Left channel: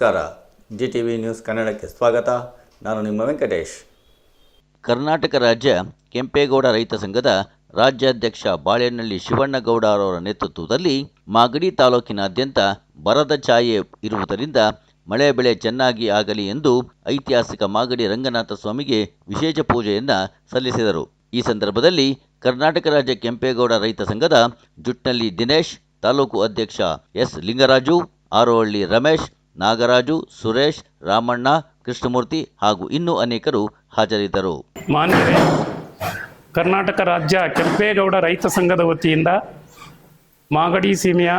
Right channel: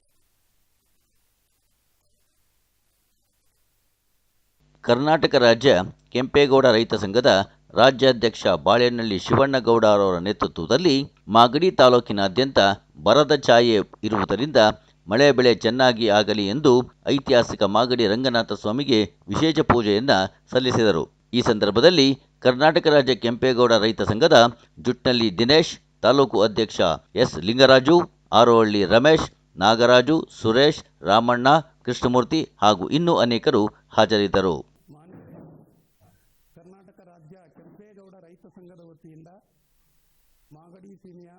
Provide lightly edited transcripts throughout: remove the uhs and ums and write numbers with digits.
ನಮಸ್ಕಾರ. GTV news ಕನ್ನಡಕ್ಕೆ ಸ್ವಾಗತ. ನಾನು ನಿಮ್ಮ ವೆಂಕಟೇಶ್. ಕರ್ನಾಟಕ ರಾಜ್ಯ ಕೆಂಪೇಗೌಡ ರೈತ ಸಂಘದ ರಾಜ್ಯಾಧ್ಯಕ್ಷ ಬಾಳೆಹಳ್ಳಿ ಶಿವಣ್ಣಗೌಡ ಅವರ ನೇತೃತ್ವದಲ್ಲಿ ಮಾಗಡಿ ತಾಲೂಕಿನಾದ್ಯಂತ ಬರದ ಛಾಯೆ ಇರುವುದರಿಂದ ಮಳೆ ಬೆಳೆ ಚೆನ್ನಾಗಿ ಆಗಲಿ ಎಂದು ಐತಿಹಾಸಿಕ ಮಾಗಡಿ ರಂಗನಾಥ ಸ್ವಾಮಿಗೆ ವಿಶೇಷ ಪೂಜೆಯನ್ನು ಸಲ್ಲಿಸಿದರು. ಈ ಸಂದರ್ಭದಲ್ಲಿ ಕರ್ನಾಟಕ ರಾಜ್ಯ ಕೆಂಪೇಗೌಡ ರೈತ ಸಂಘದ ಜುಟ್ನಳ್ಳಿ ದಿನೇಶ್, ತಾಲೂಕು ಅಧ್ಯಕ್ಷ ಎಸ್ ಲಿಂಗರಾಜು, ಆರೋಹಳ್ಳಿ ರಮೇಶ್, ನಾಗರಾಜು, ಸುರೇಶ್, ರಾಮಣ್ಣ, ಕೃಷ್ಣಮೂರ್ತಿ ಹಾಗೂ ಇನ್ನೂ ಅನೇಕರು ಹಾಜರಿದ್ದರು. ಮಾನ್ಯರೇ, ಕರ್ನಾಟಕ ರಾಜ್ಯ ಕೆಂಪೇಗೌಡ ರೈತ ಸಂಘದ ವತಿಯಿಂದ ಮಾಗಡಿ ಸೀಮೆಯ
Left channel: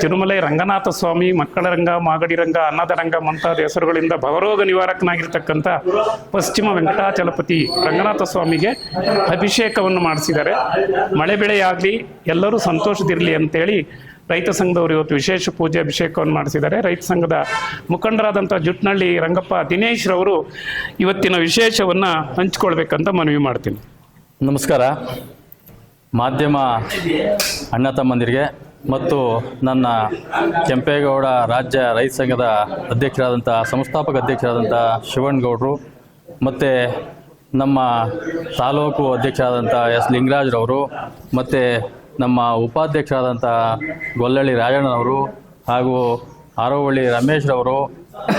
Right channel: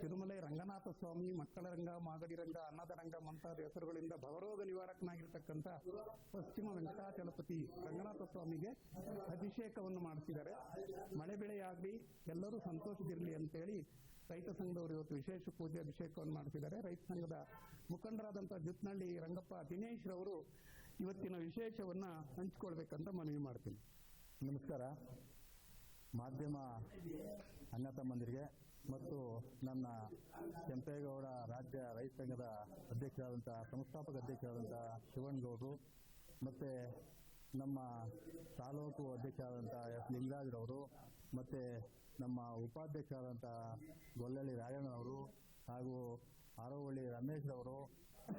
ತಿರುಮಲೆ ರಂಗನಾಥ ಸ್ವಾಮಿ, ಮಕ್ಕಳ ರಂಗ, ಮಾಗಡಿ ರಂಗ, ಅನ್ನದ ರಂಗ ಮುಂತಾದ ಹೆಸರುಗಳಿಂದ ಭವರೋಗ ನಿವಾರಕನಾಗಿರ್ತಕ್ಕಂಥ ಪಶ್ಚಿಮ ವೆಂಕಟಾಚಲಪತಿ ರಂಗನಾಥ ಸ್ವಾಮಿಗೆ ಅಭಿಷೇಕವನ್ನು ಮಾಡಿಸಿದ್ದಾರೆ. ಮಳೆ ಬೆಳೆಯಾಗಲಿ, ಎಲ್ಲರೂ ಸಂತೋಷದಿರಲಿ ಅಂತೇಳಿ ರೈತ ಸಂಘದವರು ಇವತ್ತು ವಿಶೇಷ ಪೂಜೆ ಅಭಿಷೇಕವನ್ನು ಮಾಡಿಸಿದ್ದಾರೆ. ರೈತ ಸಂಘದ ಮುಖಂಡರಾದಂಥ ಜುಟ್ನಳ್ಳಿ ರಂಗಪ್ಪ ದಿನೇಶ್ ರವರು ಇವತ್ತಿನ ವಿಶೇಷವನ್ನು ಹಂಚಿಕೊಳ್ಬೇಕಂತ ಮನವಿ ಮಾಡ್ತೀನಿ. ನಮಸ್ಕಾರ. ಮಾಧ್ಯಮ ಅಣ್ಣ ತಮ್ಮಂದಿರಿಗೆ ಮತ್ತು ನನ್ನ ಕೆಂಪೇಗೌಡ ರಾಜ್ಯ ರೈತ ಸಂಘದ ಅಧ್ಯಕ್ಷರಾದಂಥ ಸಂಸ್ಥಾಪಕ ಅಧ್ಯಕ್ಷರಾದಂಥ ಶಿವಣ್ಣಗೌಡರು ಮತ್ತು ನಮ್ಮ ತಾಲೂಕು ಅಧ್ಯಕ್ಷರಾದಂಥ ಎಸ್ ಲಿಂಗರಾಜ್ರವರು ಮತ್ತು ನಮ್ಮ ಉಪಾಧ್ಯಕ್ಷರಾದಂಥ ಗೊಲ್ಲಳ್ಳಿ ರಾಜಣ್ಣನವರು ಹಾಗೂ ಆರೋಹಳ್ಳಿ ರಮೇಶ್ರವರು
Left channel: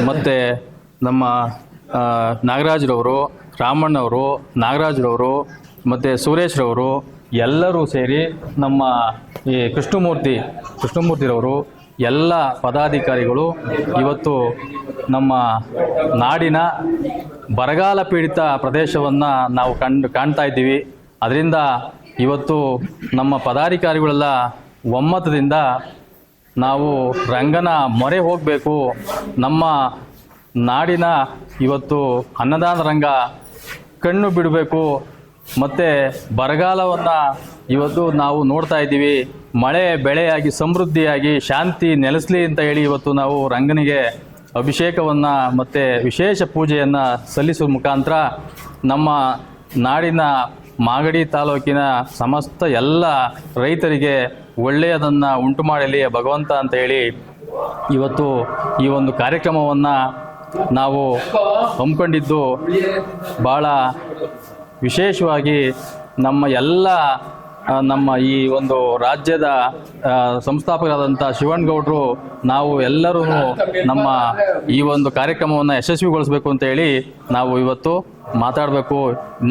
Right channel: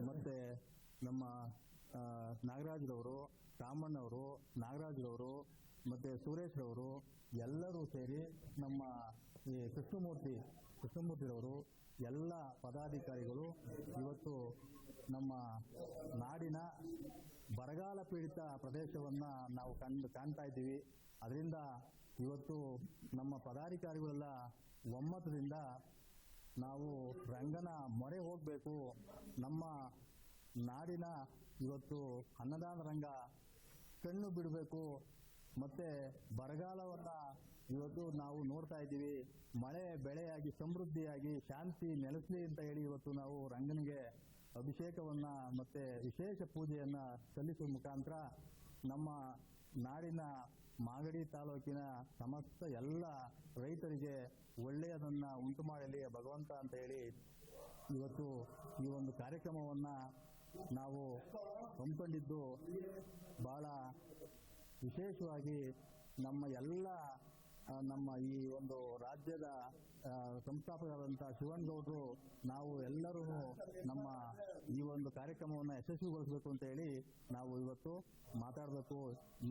ಮತ್ತು ನಮ್ಮ ನಾಗರಾಜ್ರವರು, ರಾಮಣ್ಣವರು, ನಾಗರಾಜ್ರವರು ಮತ್ತು ಸುರೇಶ್ರವರು ಎಲ್ಲರೂ ಸೇರಿ ನಮ್ಮ ಈ ಕೃಷ್ಣಮೂರ್ತಿರವರು ಎಲ್ಲ ಪದಾಧಿಕಾರಿಗಳು ಇವತ್ತು ನಮ್ಮ ನಾಡಿನ ಬರಗಾಲ ಪೀಡಿತ ಪ್ರದೇಶವನ್ನು ನಾವು ಕಾಣ್ತಾ ಇದ್ದೀವಿ. ಅದರಿಂದ ಇವತ್ತು ನಮ್ಮ ಪದಾಧಿಕಾರಿಗಳೆಲ್ಲ ಒಮ್ಮತದಿಂದ ನಾವು ರಂಗನ ಮೊರೆ ಹೋಗಬೇಕು, ನಮ್ಮ ನಾಡಿನ ಇವತ್ತು ಅನ್ನದಾನ ರಂಗ ಕಣ್ಣು ಬಿಡಬೇಕು, ಮತ್ತು ಬರಗಾಲವನ್ನು ಇವತ್ತು ನಾವು ನೋಡ್ತಾ ಇದ್ದೀವಿ, ಮಳೆ ಬೆಳೆಯಾಗಿ ಸಮೃದ್ಧಿಯಾಗಿ ಶಾಂತಿ ನೆಲೆಸಲಿ ಅಂತ ಹೇಳಿ ಇವತ್ತು ನಾವು ರಂಗನಿಗೆ ಅಭಿಷೇಕವನ್ನು ಮತ್ತು ವಿಶೇಷ ಪೂಜೆಯನ್ನು ಸಲ್ಲಿಸುವ ಮುಖಾಂತರ ನಮ್ಮ ನಾಡಿನ ಮಾಗಡಿ ತಾಲೂಕಿನ ಸಮಸ್ತ ಎಲ್ಲ ರೈತರಿಗೆ ಒಳ್ಳೆಯದನ್ನು ಉಂಟು ಮಾಡಲಿ ಭಗವಂತ ಅಂತ ಹೇಳಿ ಇವತ್ತು ಈ ಒಂದು ಕಾರ್ಯಕ್ರಮವನ್ನು ನಾವು ಹಮ್ಮಿಕೊಂಡಿದ್ದು ಭಾಳ ವಿಶೇಷವಾಗಿ ನಮ್ಮ ಈ ಒಂದು ರಾಜ್ಯದ ಸಂಸ್ಥಾಪಕರಾದಂಥ ಶಿವಣ್ಣಗೌಡರು ನಾವು ಎಲ್ಲರೂ ನಮ್ಮ ಈ ಒಂದು ಕಾರ್ಯಕ್ರಮವನ್ನು ಯಶಸ್ವಿಗೊಳಿಸಬೇಕು ಅಂತ ಹೇಳಿ ನಾವು ಇವತ್ತು ಮಾತಾಡಬೇಕು.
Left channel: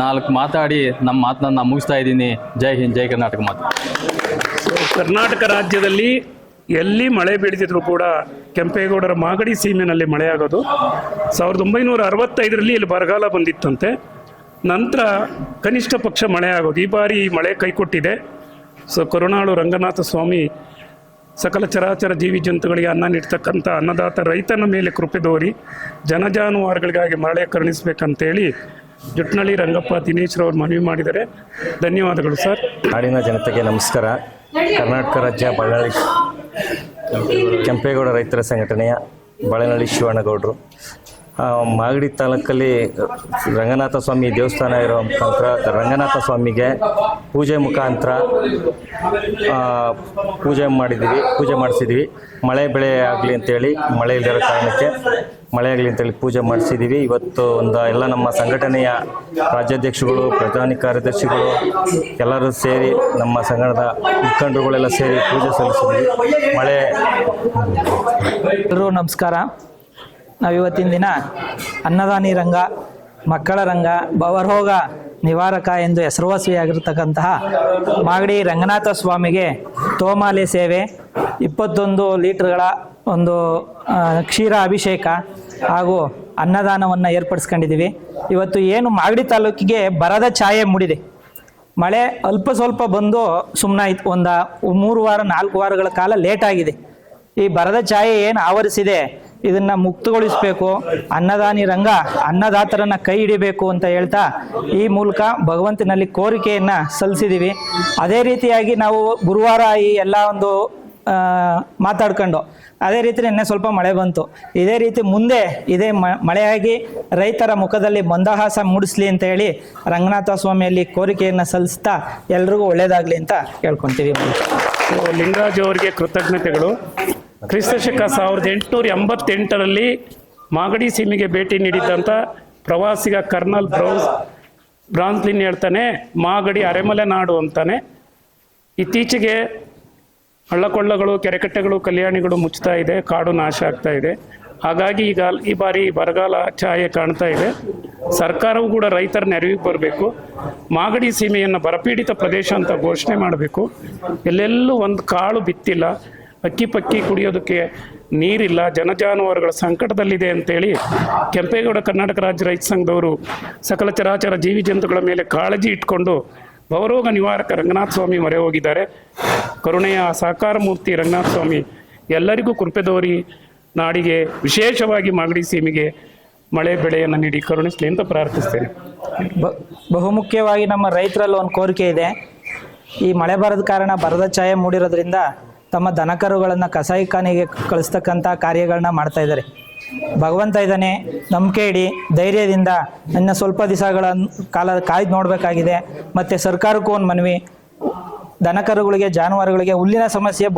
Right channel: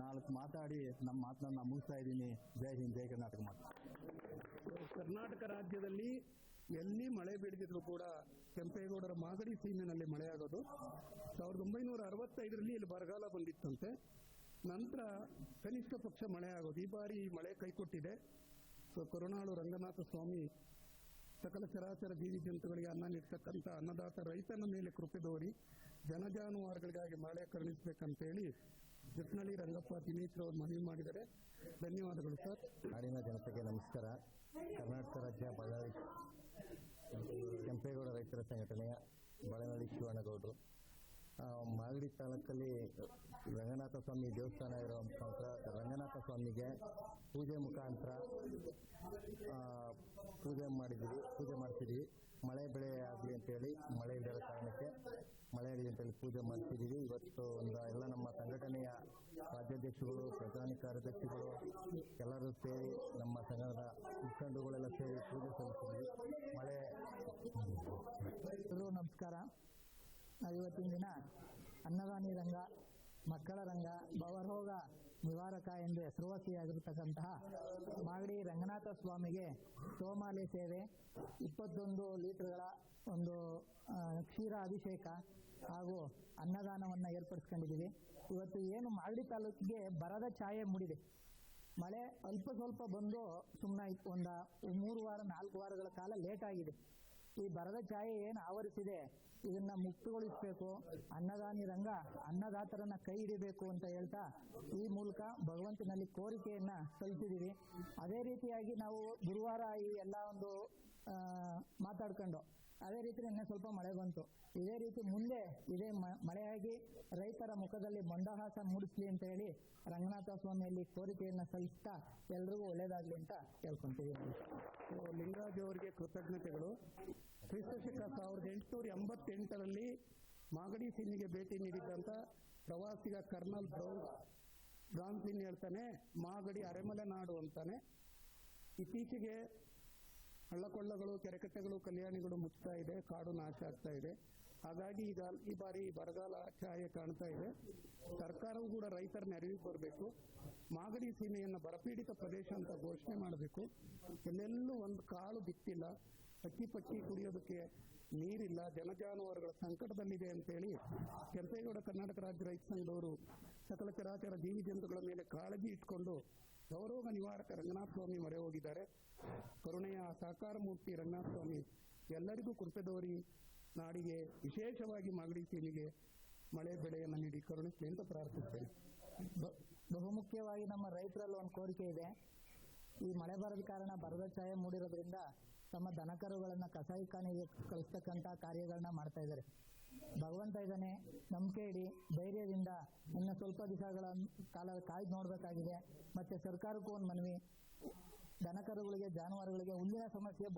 4 ಮಾತಾಡಿ ನಮ್ಮ ಮಾತನ್ನ ಮುಗಿಸ್ತಾ ಇದ್ದೀನಿ. ಜೈ ಹಿಂದ್, ಜೈ ಕರ್ನಾಟಕ ಮಾತು. ಕರ್ನಾಟಕ ರಾಜ್ಯದಲ್ಲಿ ಎಲ್ಲಿ ಮಳೆ ಬೀಳ್ತಿದ್ರು ಕೂಡ ಕೆಂಪೇಗೌಡರ ಮಾಗಡಿ ಸೀಮೆನಲ್ಲಿ ಮಳೆಯಾಗೋದು. 1965ರಲ್ಲಿ ಇಲ್ಲಿ ಬರಗಾಲ ಬಂದಿತ್ತಂತೆ. ನಂತರ ಕನಿಷ್ಠ ಪಕ್ಷ ಮಳೆ ಆಗೋದು. ಈ ಬಾರಿ ಮಳೆ ಕೈಕೊಟ್ಟಿದೆ. ಕರುಣಾಳು ರಂಗನಾಥ ಸ್ವಾಮಿ ಸಕಲ ಚರಾಚರ ಜೀವಿ ಜಂತುಗಳಿಗೆ ಅನ್ನ ನೀಡ್ತಕ್ಕಂಥ ಅನ್ನದಾತ ರೈತನ ಮೇಲೆ ಕೃಪೆ ತೋರಿ ಜನಜಾನುವಾರುಗಳಿಗಾಗಿ ಮಳೆ ಕರುಣಿಸ್ಬೇಕಂತೇಳಿ ಜುಟ್ನಳ್ಳಿ ರಂಗಪ್ಪ ದಿನೇಶ್ರವ್ರು ಮನವಿ ಮಾಡಿದ್ದಾರೆ. ಧನ್ಯವಾದಗಳು ಸರ್. ನಾಡಿನ ಜನತೆಗೆ ನಮಸ್ಕಾರ. ಕರ್ನಾಟಕ ರಾಜ್ಯ ಕೆಂಪೇಗೌಡ ರೈತರ ಸಂಘಟನೆಯ ಬಾಳೆಹಳ್ಳಿ ಶಿವಣ್ಣಗೌಡರು ಮಾಗಡಿ ತಾಲೂಕಲ್ಲಿ ರಂಗನಾಥ ಸ್ವಾಮಿ ದೇವಸ್ಥಾನ ಇರೋ ಮುಖಾಂತರ ರಂಗನಾಥ ಸ್ವಾಮಿಗೆ ಪೂಜೆ ಮಾಡಿಸಿದ್ದೀವಿ. ಮಳೆ ಬೆಳೆ ಆಗಲಿ ಅಂತೇಳಿ, ಮಳೆ ಇಲ್ಲದಿರೋ ಕಾರಣಕ್ಕೆ ಮಳೆ ಆಗಲಿ ಅಂತೇಳಿ ಪೂಜೆ ಮಾಡಿಸಿದ್ದೀವಿ. ಇವತ್ತು ಎಲ್ಲ ನಮ್ಮ ಸಂಘಟನೆಯ ರಾಜ್ಯಾಧ್ಯಕ್ಷಗಳು, ಪ್ರಧಾನ ಕಾರ್ಯದರ್ಶಿಗಳು ಎಲ್ಲರೂ ಸೇರಿ, ನಮ್ಮ ಸಂಘದ ಮುಖಂಡರುಗಳೆಲ್ಲ ಸೇರಿ ಪೂಜೆ ಸಲ್ಲಿಸಿದ್ವಿ. ಎಲ್ಲರೂ ನಮಸ್ಕಾರ. ನಾವಿವತ್ತಿನ ದಿನ ಅನ್ನದಾನಿ ರಂಗ, ಮಕ್ಕಳ ರಂಗ, ಭವರೋಗ ನಿವಾರಕ ಎಂದು ಹೆಸರುವಾಸಿಯಾಗಿರ್ತಕ್ಕಂತಹ ಮಾಗಡಿ ರಂಗನಾಥ ಸ್ವಾಮಿಗೆ ತೋಮಾಲೆ ಸೇವೆ, 21 ಲೀಟರ್ಗಳ ಒಂದು ಕ್ಷೀರ ಅಭಿಷೇಕ ಹಾಗೂ ಅನ್ನದಾನವನ್ನು ಏರ್ಪಡಿಸ್ಕೊಂಡಿದ್ದೀವಿ. ಇವತ್ತು ಏನು ಮಾಗಡಿ ತಾಲೂಕಿಗೆ ಬರದ ಛಾಯೆ ಮೂಡಿದೆ. ಮಳೆ ಅಲ್ಪ ಸ್ವಲ್ಪ ಬಂದು ಸುಮ್ಮನಾಯ್ತು. 3 ವಾರ 4 ವಾರಗಳ ಕಾಲ ಲೇಟಾಗಿದೆ. ಈ ಬರದ ಛಾಯೆ ಏನು ಆವರಿಸಿದೆ ಇದನ್ನು ಮುಕ್ತಗೊಳಿಸಬೇಕು. ಅನ್ನದಾನಿ ರಂಗ ಅನ್ನದಾತರನ್ನ ಕೈ ಹಿಡಿಬೇಕು ಅಂತ ಹೇಳ್ತಾ ಈ ಮೂಲಕ ಭಗವಂತನಲ್ಲಿ ಕೋರಿಕೆಯನ್ನು ಸಲ್ಲಿಸಿದ್ದೀವಿ. ಅದೇ ರೀತಿಯಾಗಿ ನಾವು ಗುರುವಾರ ಈ ಎಲ್ಲ ಒಂದು ಮಾತಾಡ್ಕೊಂಡು ಅದೇ ರೀತಿ ನಿನ್ನೆ ಸ್ವಲ್ಪ ಮಳೆ ಬಂತು. ಇದೇ ರೀತಿ ಮುಂದೆ ಇದೇ ಮಳೆಯಾಗಿ ರೈತರ ಮುಖದಲ್ಲಿ ಮಂದಹಾಸ ಮೂಡಿಸ್ಲಿ ಅಂತ ಹೇಳಿ ರಂಗನಾಥ ಸ್ವಾಮಿಯಲ್ಲಿ ಕೋರಿಕೆಯನ್ನು ಸಲ್ಲಿಸ್ತಾ ಎಲ್ರಿಗೂ ಒಳ್ಳೇದಾಗಲಿ ಅಂತ ಕೇಳ್ಕೊತೀವಿ. ಲಿಂಗರಾಜ್ ಅವರಿಗೆ ಕೃತಜ್ಞತೆಗಳು. ಕ್ರಿಸ್ತಶಕ 1888ರಲ್ಲಿ ಮಾಗಡಿ ಸೀಮೆಗೆ ಭೇಟಿ ನೀಡಿದ್ದಂಥ ಪ್ರವಾಸಿಗ ಕರ್ನಲ್ ಬ್ರಾನ್ಸ್ಲಿನ್ ಹೇಳ್ತಾನೆ, ಮಾಗಡಿ ಅರೆಮಲೆ ನಾಡು ಅಂತಾನೆ. ಇತ್ತೀಚೆಗೆ ಹಳ್ಳಕೊಳ್ಳಗಳು, ಕೆರೆಕಟ್ಟೆಗಳು, ಕಲ್ಯಾಣಿಗಳು ಮುಚ್ತಾ ಇದೆ, ಕಾಡು ನಾಶ ಆಗ್ತಾ ಇದೆ. ಹಾಗಾಗಿ ಈಗ ಈ ಬಾರಿ ಬರಗಾಲ ಛಾಯೆ ಕಾಣ್ತಾ ಇದೆ. ಸರ್ಕಾರವು ಕೂಡ ರೈತರ ನೆರವಿಗೆ ಬರಬೇಕು. ಮಾಗಡಿ ಸೀಮೆಯನ್ನು ಬರಪೀಡಿತ ಪ್ರದೇಶ ಅಂತ ಘೋಷಣೆ ಮಾಡಬೇಕು. ಎಲ್ಲೆಲ್ಲೂ ಒಂದು ಕಾಳು ಬಿತ್ತಿಲ್ಲ, ಅಕ್ಕಿ ಪಕ್ಕಿ ಕುಡಿಯೋದಕ್ಕೆ ನೀರಿಲ್ಲ, ಜನಜಾನುವಾರುಗಳ ಸಂಕಟದಲ್ಲಿದೆ ಅಂತೇಳಿ ಕೆಂಪೇಗೌಡ ಕರ್ನಾಟಕ ರಾಜ್ಯ ರೈತ ಸಂಘದವರು ಸಕಲ ಚರಾಚರ ಜೀವಿ ಜಂತುಗಳ ಮೇಲೆ ಕಾಳಜಿ ಇಟ್ಕೊಂಡು ಭವರೋಗ ನಿವಾರಕ ರಂಗನಾಥ ಸ್ವಾಮಿ ಮೊರೆ ಹೋಗಿದ್ದಾರೆ. ಕರುಣೆಯ ಸಾಕಾರ ಮೂರ್ತಿ ರಂಗನಾಥ ಸ್ವಾಮಿ ಎಲ್ಲರಿಗೂ ಕೃಪೆ ತೋರಿ ನಾಡಿಗೆ, ವಿಶೇಷವಾಗಿ ಮಾಗಡಿ ಸೀಮೆಗೆ ಮಳೆ ಬೆಳೆಯನ್ನು ನೀಡಿ ಕರುಣಿಸಲಿ ಅಂತ ಪ್ರಾರ್ಥಿಸ್ತೇನೆ. ಬಹುಮುಖ್ಯವಾಗಿ ನಮ್ಮ ರೈತರಲ್ಲಿ ಒಂದು ಕೋರಿಕೆ ಇದೆ. ಈ ಮಳೆ ಬರದ ಕಾರಣ ಬರದ ಛಾಯೆ ಮೂಡಿರೋದ್ರಿಂದ ತಮ್ಮ ದನಕರುಗಳನ್ನು ಕಸಾಯಿಖಾನೆಗೆ ಕಳಿಸ್ತಕ್ಕಂಥ ಕಾರ್ಯಗಳನ್ನ ಮಾಡ್ತಾ ಇದ್ದಾರೆ. ಭಗವಂತ ಇದ್ದಾನೆ, ನಂಬಿಕೆ ಇಡಿ, ಧೈರ್ಯದಿಂದ ಇನ್ನು ಸ್ವಲ್ಪ ದಿವಸಗಳ ಕಾಲ ಕಾಯ್ದು ನೋಡಬೇಕಾಗಿದೆ. ಮತ್ತು ಸರ್ಕಾರಕ್ಕೂ ಒಂದು ಮನವಿ, ದನಕರುಗಳಿಗೆ, ಜಾನುವಾರುಗಳಿಗೆ ಹುಲ್ಲಿನ ಸಮಸ್ಯೆ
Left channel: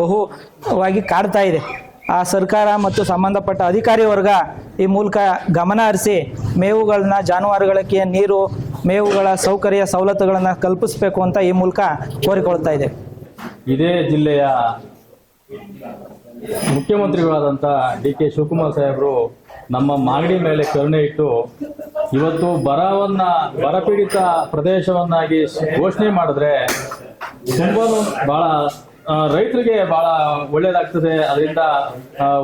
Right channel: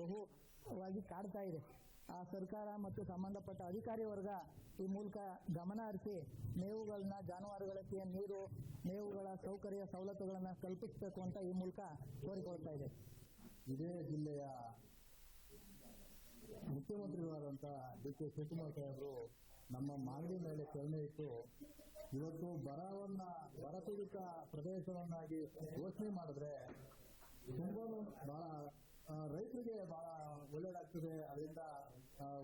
ಬಹುವಾಗಿ ಕಾಡ್ತಾ ಇದೆ. ಆ ಸರ್ಕಾರ ಮತ್ತು ಸಂಬಂಧಪಟ್ಟ ಅಧಿಕಾರಿ ವರ್ಗ ಈ ಮೂಲಕ ಗಮನ ಹರಿಸಿ ಮೇವುಗಳನ್ನ, ಜಾನುವಾರುಗಳಿಗೆ ನೀರು, ಮೇವುಗಳ ಸವಲತ್ತುಗಳನ್ನು ಕಲ್ಪಿಸಬೇಕು ಅಂತ ಈ ಮೂಲಕ ಕೋರಿಕೊಳ್ತಾ ಇದೆ. ಇದೇ ಜಿಲ್ಲೆಯ ಮುಖ್ಯಮಂತ್ರಿಗಳಾದಂಥ DK ಶಿವಕುಮಾರ್ ಸಾಹೇಬರು ನಮ್ಮ ಮಾಗಡಿ ಮೇಲೆ ಕರುಣೆ ಇಟ್ಟು ಇವತ್ತು ಬರಪೀಡಿತ ಪ್ರದೇಶವನ್ನಾಗಿ ಘೋಷಣೆ ಮಾಡಿದ್ರೆ ತುಂಬಾ ಬಹಳ ರೈತರಿಗೆ ಬಹಳ ಒಳ್ಳೇದಾಗ್ತದೆ. ಅದರಿಂದ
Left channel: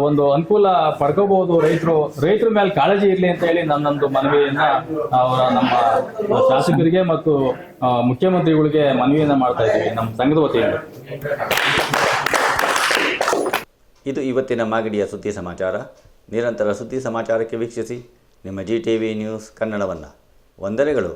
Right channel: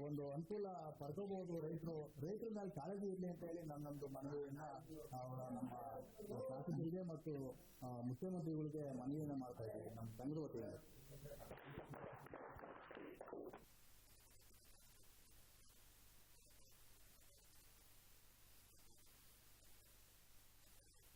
ಒಂದು ಅನುಕೂಲ ಪಡ್ಕೋಬಹುದು. ರೈತರ ಮೇಲೆ ಕಾಳಜಿ ಇರಲಿ ಅಂತ ಹೇಳಿ ನನ್ನೊಂದು ಮನವಿಯನ್ನ ನಮ್ಮ ಶಾಸಕರಿಗೆ ಮತ್ತು ಮುಖ್ಯಮಂತ್ರಿಗಳಿಗೆ ಮನವಿಯನ್ನ ಮಾಡ್ತಾ ಇದ್ದೀವಿ ನಮ್ಮ ಸಂಘದ ವತಿಯಿಂದ. ಇದು ಇವತ್ತಿನ ಮಾಗಡಿಯ ಸುದ್ದಿ ಸಮಾಚಾರ. ನಿರಂತರ ಸುದ್ದಿ ಸಮಾಚಾರಕ್ಕೆ ವೀಕ್ಷಿಸಿ ನಿಮ್ಮ GTV ನ್ಯೂಸ್ ಕನ್ನಡವನ್ನು. ವಂದನೆಗಳು.